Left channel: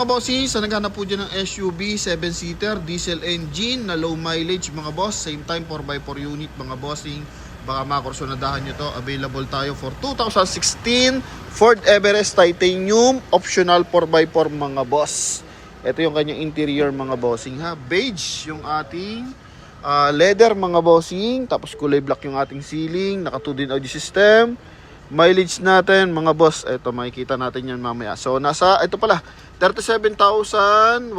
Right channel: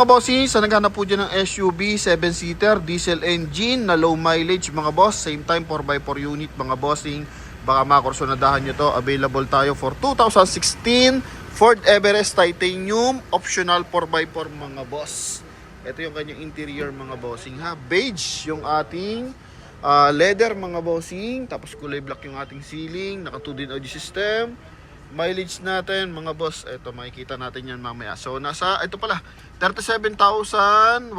mga bossing, sa naghanap po dyan ng SUV 7-seater, diesel engine na low mileage mga boss. Same time 4x4 unit mga bossing. Baka makursunadahan nyo to. Available tayo for 2016 Ford Everest Titanium. Optional 4x4 mga boss. Ito yung kanyang interior mga bossing ha. Beige yung ating leather mga bossing. Tapos kulay black yung ating ceiling. Naka 2 din audio system. Mileage natin mga boss, ito makikita natin yan mamaya. So nasa, ito pala 37,115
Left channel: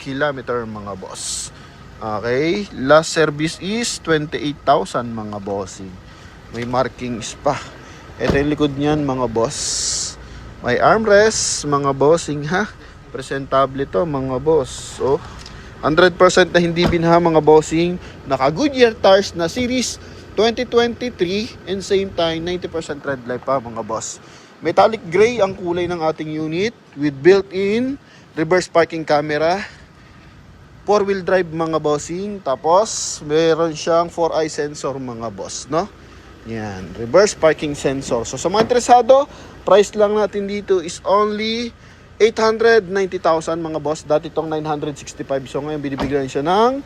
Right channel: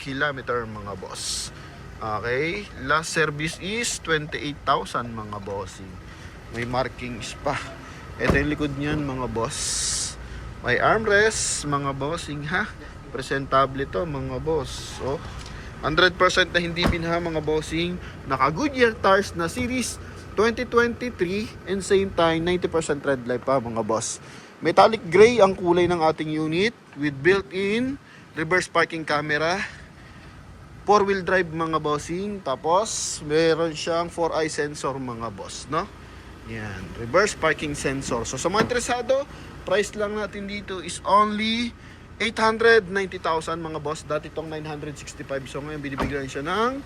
kilometer mga boss. Okay, last service is 28,000 mga bossing. May markings pa. Ito yung likod niyan mga boss. May armrest mga bossing ha. Presentable to mga boss. So 100% na hindi binha mga bossing. Naka Goodyear tires na series 2023 and same time 90% red light pa mga boss. Metallic gray ang kulay ng ating unit with built-in reverse parking camera, 4-wheel drive mga bossing, tapos meron siyang 4-eye sensor mga boss, no? Yan, reverse parking sensor. So sa mga interesado, price lang natin dito is only 890,000 mga boss. Dati itong 965, so ngayon binibigyan siya ng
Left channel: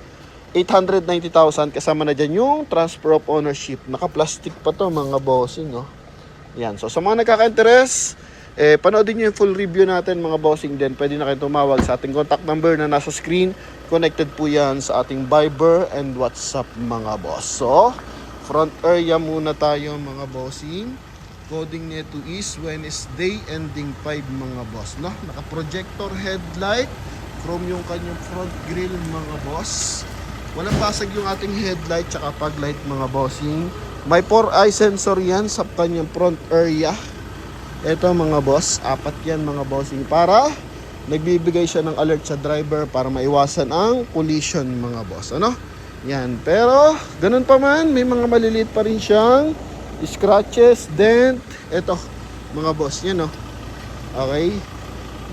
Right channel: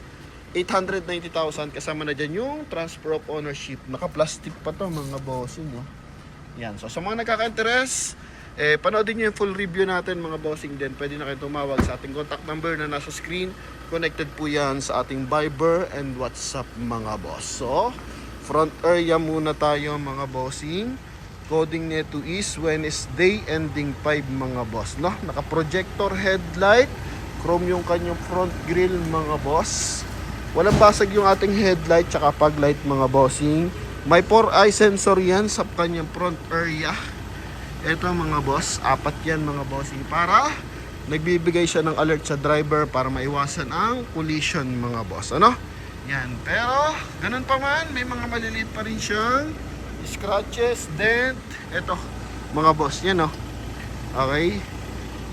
890,000 kasama na dyan yung transfer of ownership. Naka-plastic pa to mga bossing, oh. Yan. So sa mga nagkaka-interest, panoodin nyo yung full review natin mga bossing din. Pwede na kayo tumawag sa ating contact number na nasa screen. Connected po yan sa ating Viber and WhatsApp mga boss. So, front area muna tayo mga bossing. Coding nito is Wednesday ending 5 mga boss, no? Naka-projector headlight. Chrome yung kanyang front grille mga boss. Walang basag yung ating headlight tsaka fog light mga bossing. May 4-eye sensor yan sa kanyang front area. Ito mga boss, 4 yan mga bossing para nagbibigay siya ng alert sa driver para maiwasan ang collision mga boss. Ano? Yan, pero ganun pa man, may mga maliliit pa rin siyang scratches, dent. Ito mga boss, yan, oh. Okay?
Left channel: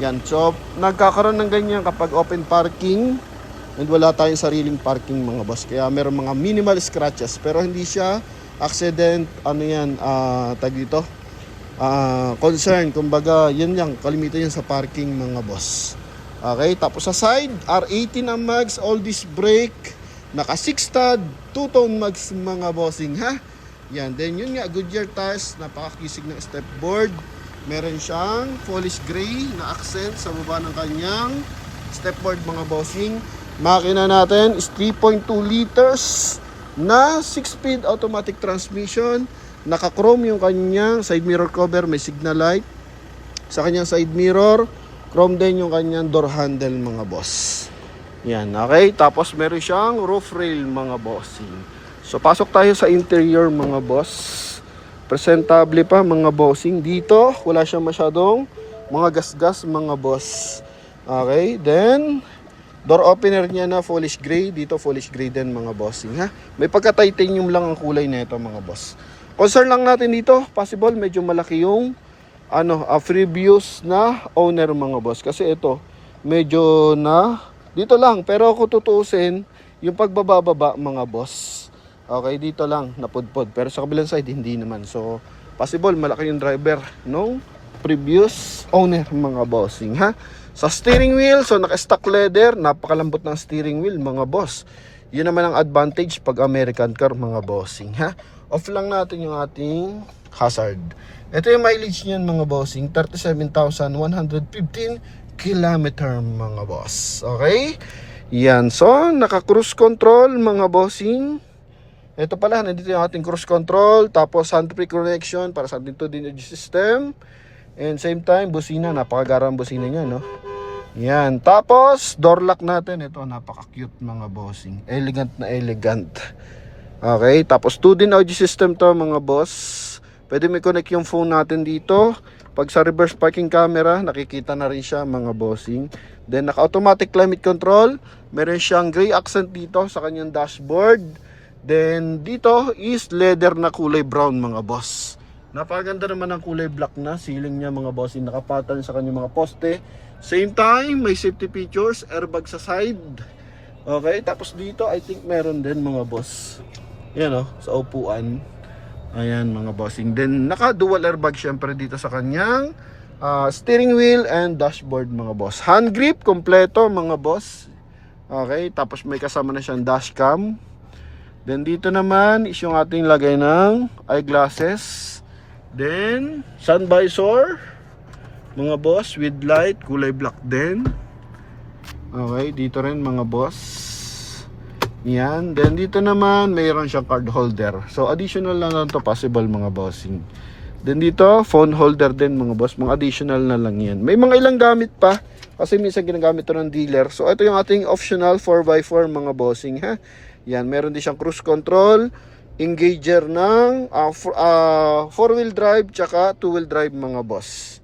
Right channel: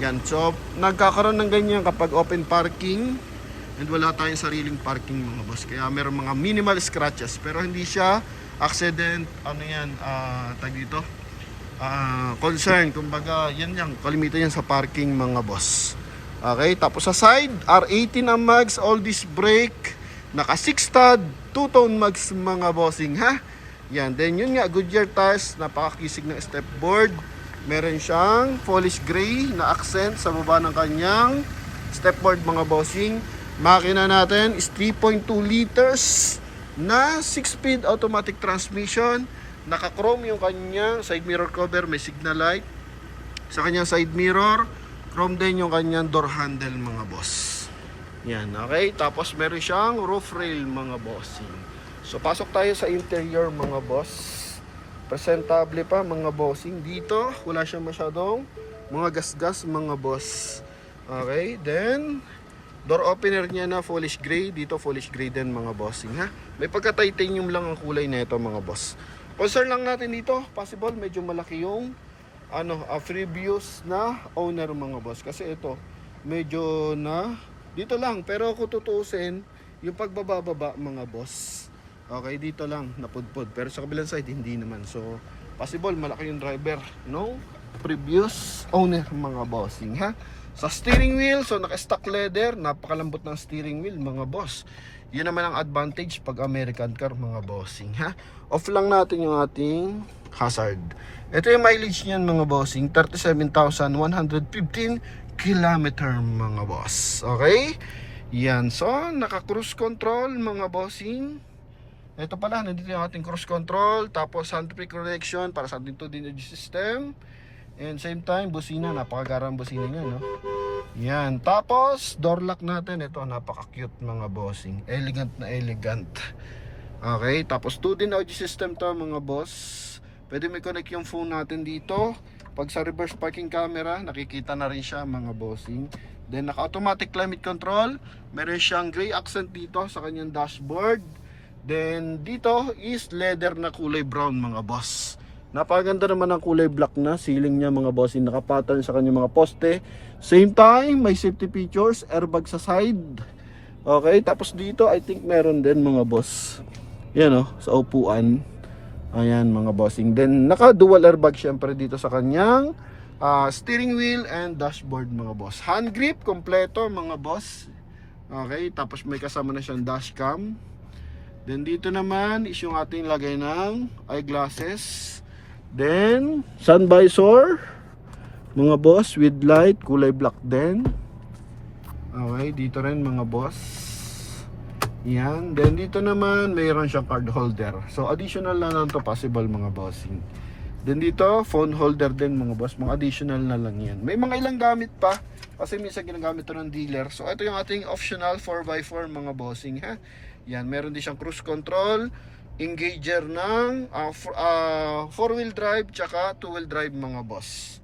Yan, so nagkakaroon ng ganyan kapag open parking and wala tayong sariling parking mga boss. Kaya meron mga minimal scratches pero hindi siya accident, ano yan, tag dito, concern. Kumbaga, yan yan, kalimitan yan sa parking mga boss. Okay, tapos sa side, R18 ang mags, all disc brake, naka 6-stud, 2-tone mags mga bossing ha. Yan, then yun nga, Goodyear tires, napakakisig ng step board. Meron siyang polish gray na accent sa baba ng kanyang step board mga bossing. Makina natin is 3.2 liters na 6-speed automatic transmission. Naka-chrome yung kanyang side mirror cover, may signal light. Sa kanyang side mirror, chrome din yung kanyang door handle mga boss. Yan, okay. Tapos meron siyang roof rail mga bossing. So pasok tayo sa interior mga boss. Presentable pa mga bossing. Dito, wala siyang masyadong mga gas-gas mga boss. Okay, then door opener niya na polish gray. Dito polish gray din mga bossing ha. May pagka-titanium lang ang kulay nito mga boss. Concern lang natin dito, possible medyo malaki yung previous na owner mga boss. Kasi ito, medyo na dito lang. Pero kung tutuusin, yung pagbababa mga boss, okay, dito lang napudpod. Pero sa kabilang side, hindi naman. So, possible malaki yung driver no previous owner mga bossing ha. Sa steering wheel, so naka-stock leather, napakalambot ng steering wheel mga boss. Yun naman ang advantage pag American car mga bossing ha. Off lang natin yung ating hazard. Ito yung mileage niyan mga bossing, 37,115 kilometer mga boss. Okay? Yan, so naka-cruise control mga bossing. Ito pala, nandito yung ating cruise control, tapos hands-free connection para sa ating 2 energy system. And same time, busina, napakagarang busina niya, no? Yan, tapos door lock natin, ito napaka-cute mga bossing. Elegant na elegant. Okay, tapos 2 din audio system to mga boss. Pwede may connect yung phone natin dito. Pag sa reverse parking camera, nakikita na rin siya mga bossing. Then naka-automatic climate control. Meron siyang gray accent dito sa kanyang dashboard. Then dito is leather na kulay brown mga boss. Napakaganda naman ang kulay black na ceiling niya mga boss. Naka-pattern sa kanyang mga poste. Same time, may safety features, airbag sa side. Okay, tapos dito I think meron din mga boss. Yan sa upuan. Ayan mga bossing. Then naka dual airbag syempre dito sa kanyang steering wheel and dashboard mga boss. Hand grip kompleto mga boss. Okay, tapos may kasama na siyang dashcam. Then dito naman is yung ating lagay ng eyeglasses. Then sun visor mga boss with light, kulay black din. Okay, dito rin mga boss. Yan. Then dito naman mayroon siyang card holder. So additional lang to possible mga bossing. Then dito phone holder din mga boss. Mga additional na lang yan. May mga ilang gamit pa kasi minsan ginagamit to ng dealer. So ito yung ating optional 4x4 mga bossing ha. Yan, meron din siyang cruise control, engager ng 4-wheel drive tsaka 2-wheel drive mga boss.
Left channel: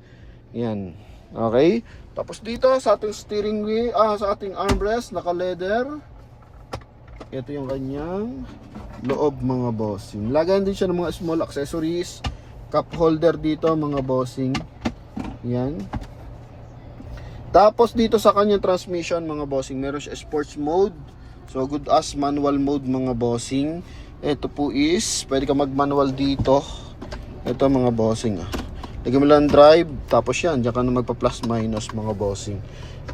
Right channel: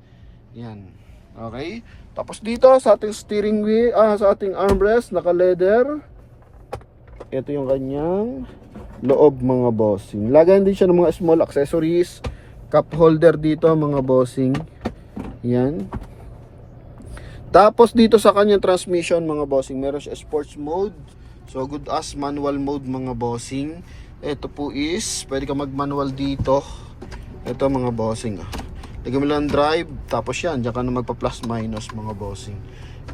Yan. Okay? Tapos dito sa ating steering wheel, sa ating armrest, naka-leather. Ito yung kanyang loob mga bossing. Lagayan din siya ng mga small accessories. Cup holder dito mga bossing. Yan. Tapos dito sa kanyang transmission mga bossing, meron siya sports mode. So good as manual mode mga bossing. Ito po is, pwede ka mag-manual dito. Ito mga bossing. Lagyan mo lang drive, tapos yan, diyan ka na magpa-plus minus mga bossing.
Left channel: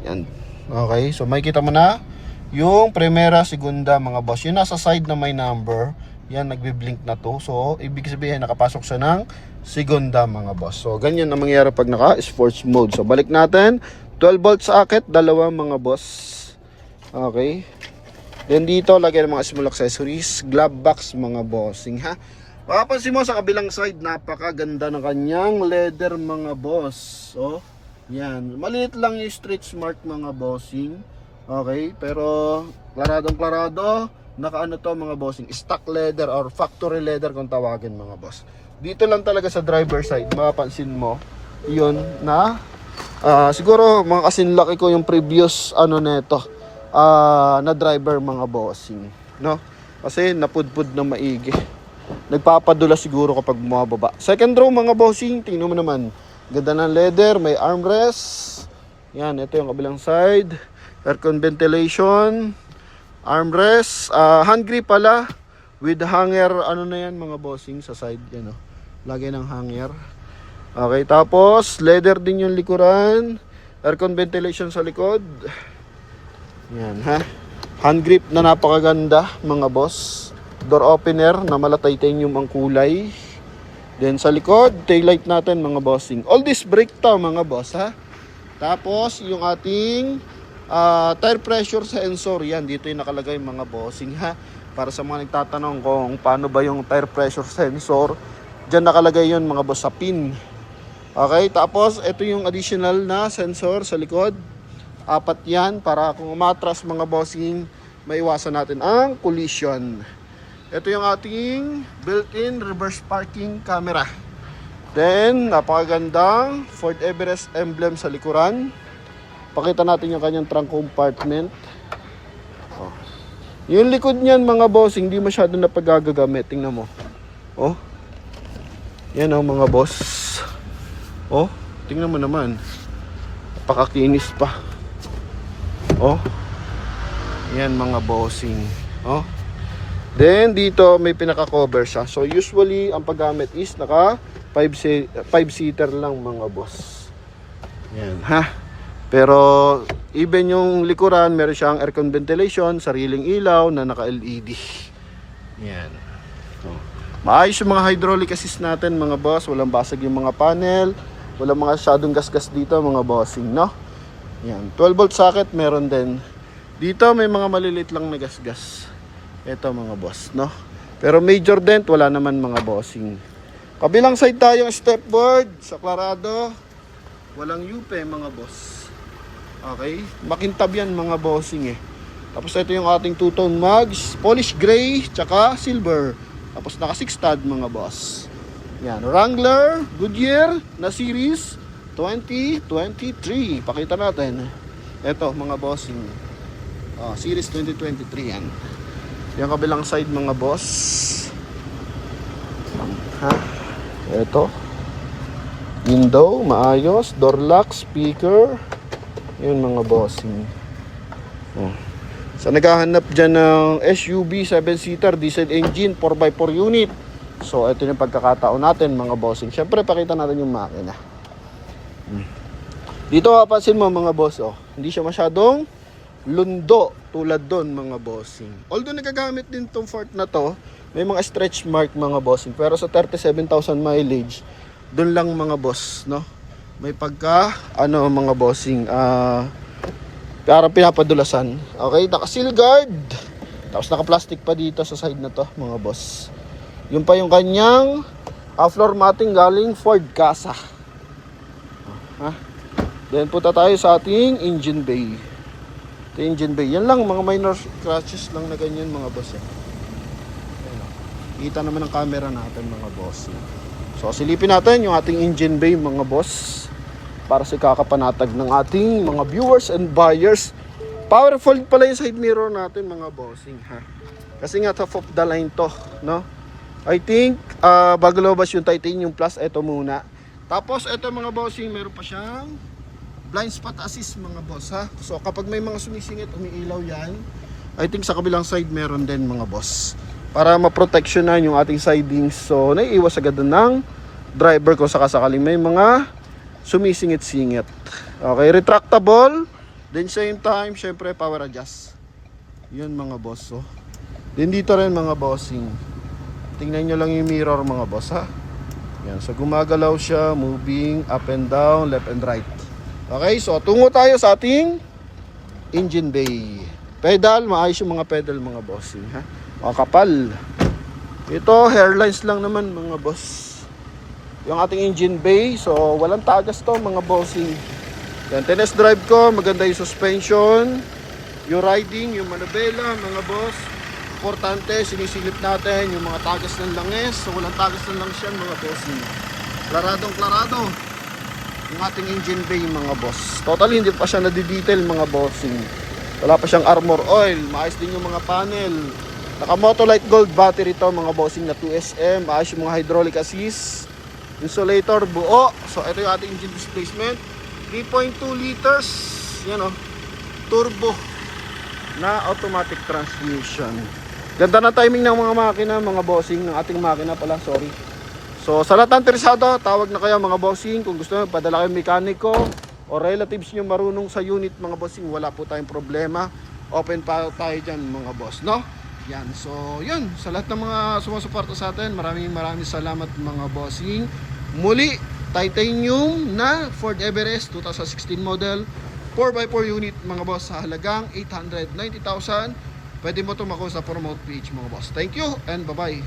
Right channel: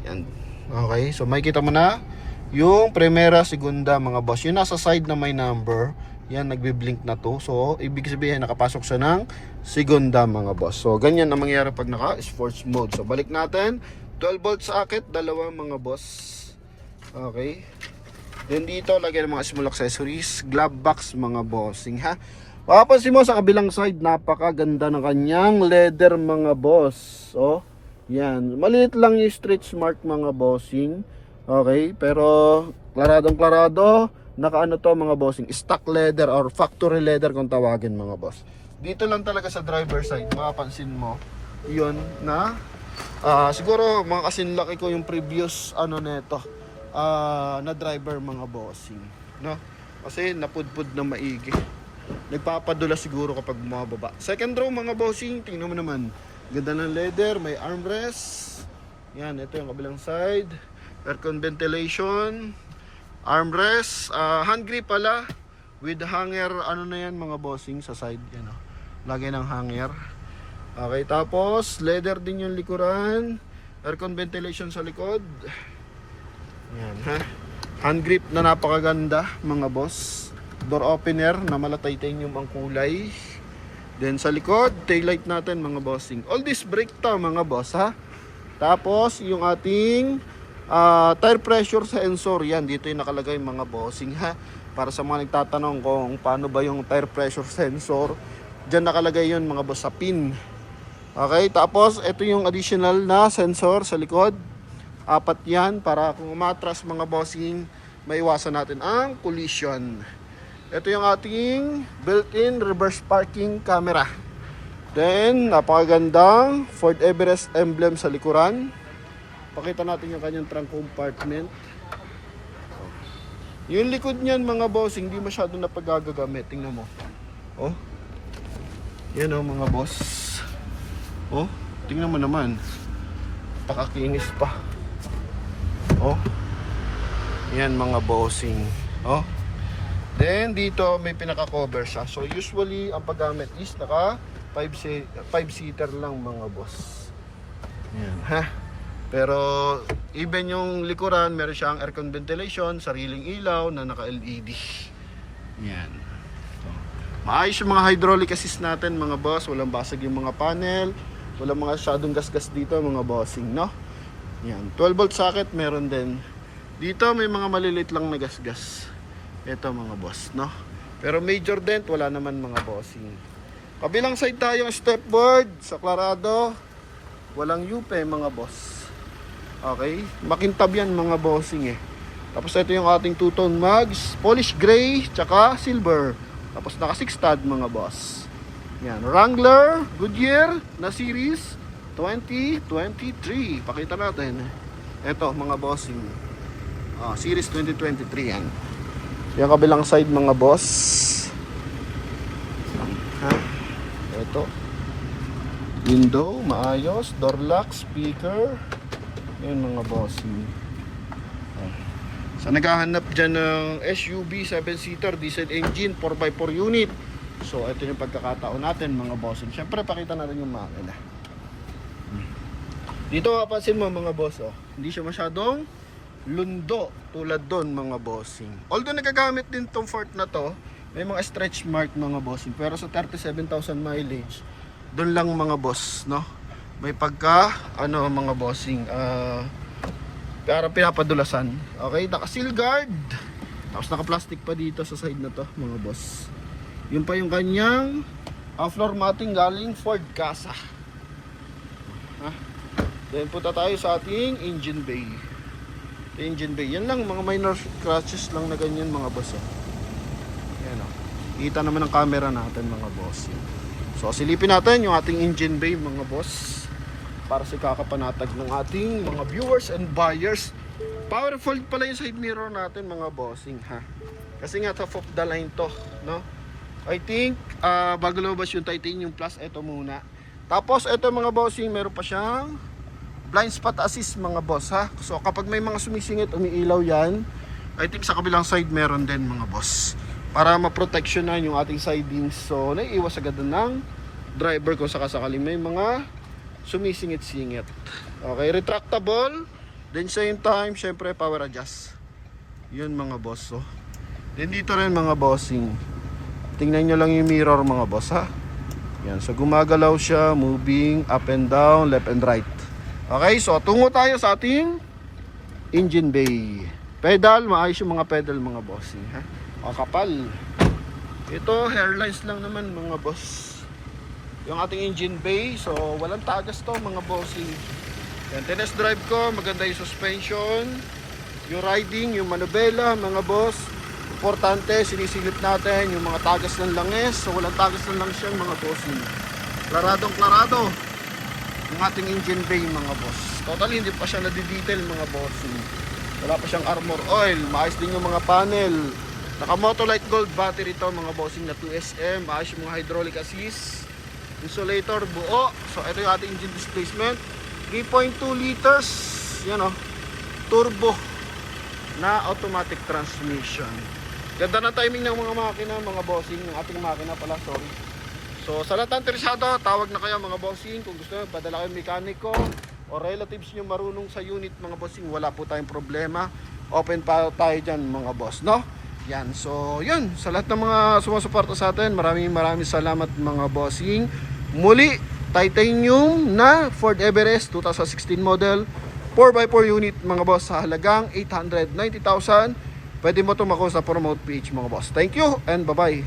Yan. Okay, so makikita mo na yung primera, segunda mga boss. Yung nasa side na may number, yan, nagbi-blink na to. So, ibig sabihin, nakapasok siya ng segunda mga boss. So, ganyan ang mangyayari pag naka-sports mode. So, balik natin. 12 volt socket, dalawa mga boss. Okay. Then dito, lagyan ng mga small accessories. Glove box mga bossing ha. Papansin mo sa kabilang side, napakaganda ng kanyang leather mga boss. Oh, yan. Maliit lang yung Street Smart mga bossing. Okay, pero klaradong klarado. Nakaano to mga bossing, stock leather or factory leather kung tawagin mga boss. Dito lang talaga sa driver side, mapapansin mo, yun na siguro mga kasinlaki ko yung previous ano neto, na driver mga bossing, no? Kasi napudpud na maigi. Nagpapadula siguro kapag bumababa. Second row mga bossing, tingnan mo naman. Ganda ng leather, may armrest. Yan, ito yung kabilang side. Aircon ventilation, armrest, hand grip pala with hanger, ano na yan mga bossing sa side yan, oh. Lagay ng hanger. Okay, tapos leather din yung likuran. Aircon ventilation sa likod. Yan ha. Hand grip na napakaganda mga boss. Door opener na mala titanium ang kulay. Then sa likod, taillight natin mga bossing. All this brake to mga boss ha. Tapos yung ating tire pressure sensor, yan dito yung nakalagay mga bossing ha. Para sa mga nagtatanong kung paano ba yung tire pressure sensor, dyan nakalagay yun mga boss sa pin. Okay, tapos ito yung additional na sensor sa likod. 4 yan para kung umatras mga bossing, maiwasan natin ang collision. Ito yung ating built-in reverse parking camera. Then, napakagandang Ford Everest emblem sa likuran. Pakita natin yung kanyang trunk compartment. Oh. Yung likod niyan mga bossing, hindi masyado na pagagagamit. Tingnan mo. Oh. Yan oh mga boss. Oh, tingnan mo naman. Pakakinis pa. Oh. Yan mga bossing. Oh. Then dito may pinaka-cover siya. So usually ang paggamit is naka 5-seater lang mga boss. Yan ha. Pero even yung likuran, meron siyang aircon ventilation, sariling ilaw na naka-LED. Yan. So, maayos yung mga hydraulic assist natin mga boss. Walang basag yung mga panel. Walang mga shadow gasgas dito mga bossing, no? Yan. 12 volt socket meron din. Dito may mga malilit lang na gasgas. Ito mga boss, no? Pero major dent wala naman mga bossing. Kabilang side tayo stepboard sa Clarado. Walang yupe mga boss. Okay? Makintab yan mga bossing eh. Tapos ito yung ating two-tone mugs. Polish gray, tsaka silver. Tapos naka 6 stud mga boss. Yan. Wrangler, Goodyear na series 2023. Pakita natin. Ito mga bossing. Series 2023 yan. Yung kabilang side mga boss. Ha? Ito. Window, maayos. Door lock, speaker. Yun mga bossing. So naghahanap dyan ng SUV 7-seater diesel engine 4x4 unit. So ito yung pagkakataon natin mga bossing. Siyempre pakita natin yung makina. Dito mapapansin mo mga boss, oh, hindi siya masyadong lundo tulad doon mga bossing. Although nagagamit din tong Ford na to, may mga stretch mark mga bossing. Pero sa 37,000 mileage, doon lang mga boss, no? May pagka, mga bossing, parang pinapadulasan. Okay, naka-seal guard. Tapos naka-plastic pa dito sa side na to mga boss. Yun pa yung kanyang floor matting galing Ford Casa. Then punta tayo sa ating engine bay. Ito yung engine bay. Yan lang, mga minor scratches lang na ganyan mga boss. Yan, oh. Kita naman ang camera natin mga boss. So silipin natin yung ating engine bay mga boss, para sa kakapanatag ng ating mga viewers and buyers. Powerful pala yung side mirror natin mga bossing, ha. Kasi nga top of the line to, no? I think bago lumabas yung Titanium Plus, ito muna. Tapos ito mga bossing, meron pa siyang blind spot assist mga boss, ha. So kapag may mga sumisingit, umiilaw yan. I think sa kabilang side meron din mga boss, para ma-protectionan yung ating sidings. So naiiwas agad ng driver ko sakasakaling may mga sumisingit-singit. Okay, retractable. Then same time, syempre power adjust. Yun mga boss, oh. Then dito rin mga bossing, tingnan nyo lang yung mirror mga boss, ha. Yan, so gumagalaw siya, moving up and down, left and right. Okay, so tungo tayo sa ating engine bay. Pedal, maayos yung mga pedal mga bossing, ha. O, kapal. Ito, hairlines lang naman mga boss, yung ating engine bay. So walang tagas to mga bossing. Yan, tennis drive ko, maganda yung suspension, yung riding, yung manubela mga boss. Importante, sinisilip natin yung mga tagas ng langis. So walang tagas ng langis yan mga bossing. Klaradong klarado yung ating engine bay mga boss. Totally hindi pa siya nadidetail mga bossing. Wala pa siyang armor oil. Maayos din yung mga panel. Naka Motolite Gold battery to mga bossing na 2SM. Maayos yung mga hydraulic assist. Insulator buo. So ito yung ating engine displacement, 3.2 liters. Yan, oh, turbo na automatic transmission. Ganda na timing ng mga makina mga bossing, ng ating makina pala, sorry. So sa lahat ng interesado, tawag na kayo mga bossing. Kung gusto nyo padala kayo mekaniko o relatives nyo marunong sa unit mga bossing, wala po tayong problema. Open pa tayo dyan mga boss, no? Yan, so yun, sa lahat ng mga sumusuporta sa atin, maraming salamat mga bossing. Muli, Titanium na Ford Everest 2016 model, 4x4 unit mga boss, sa halagang 890,000. Pwede mo ito makuha sa Promote page mga boss. Thank you and bye bye.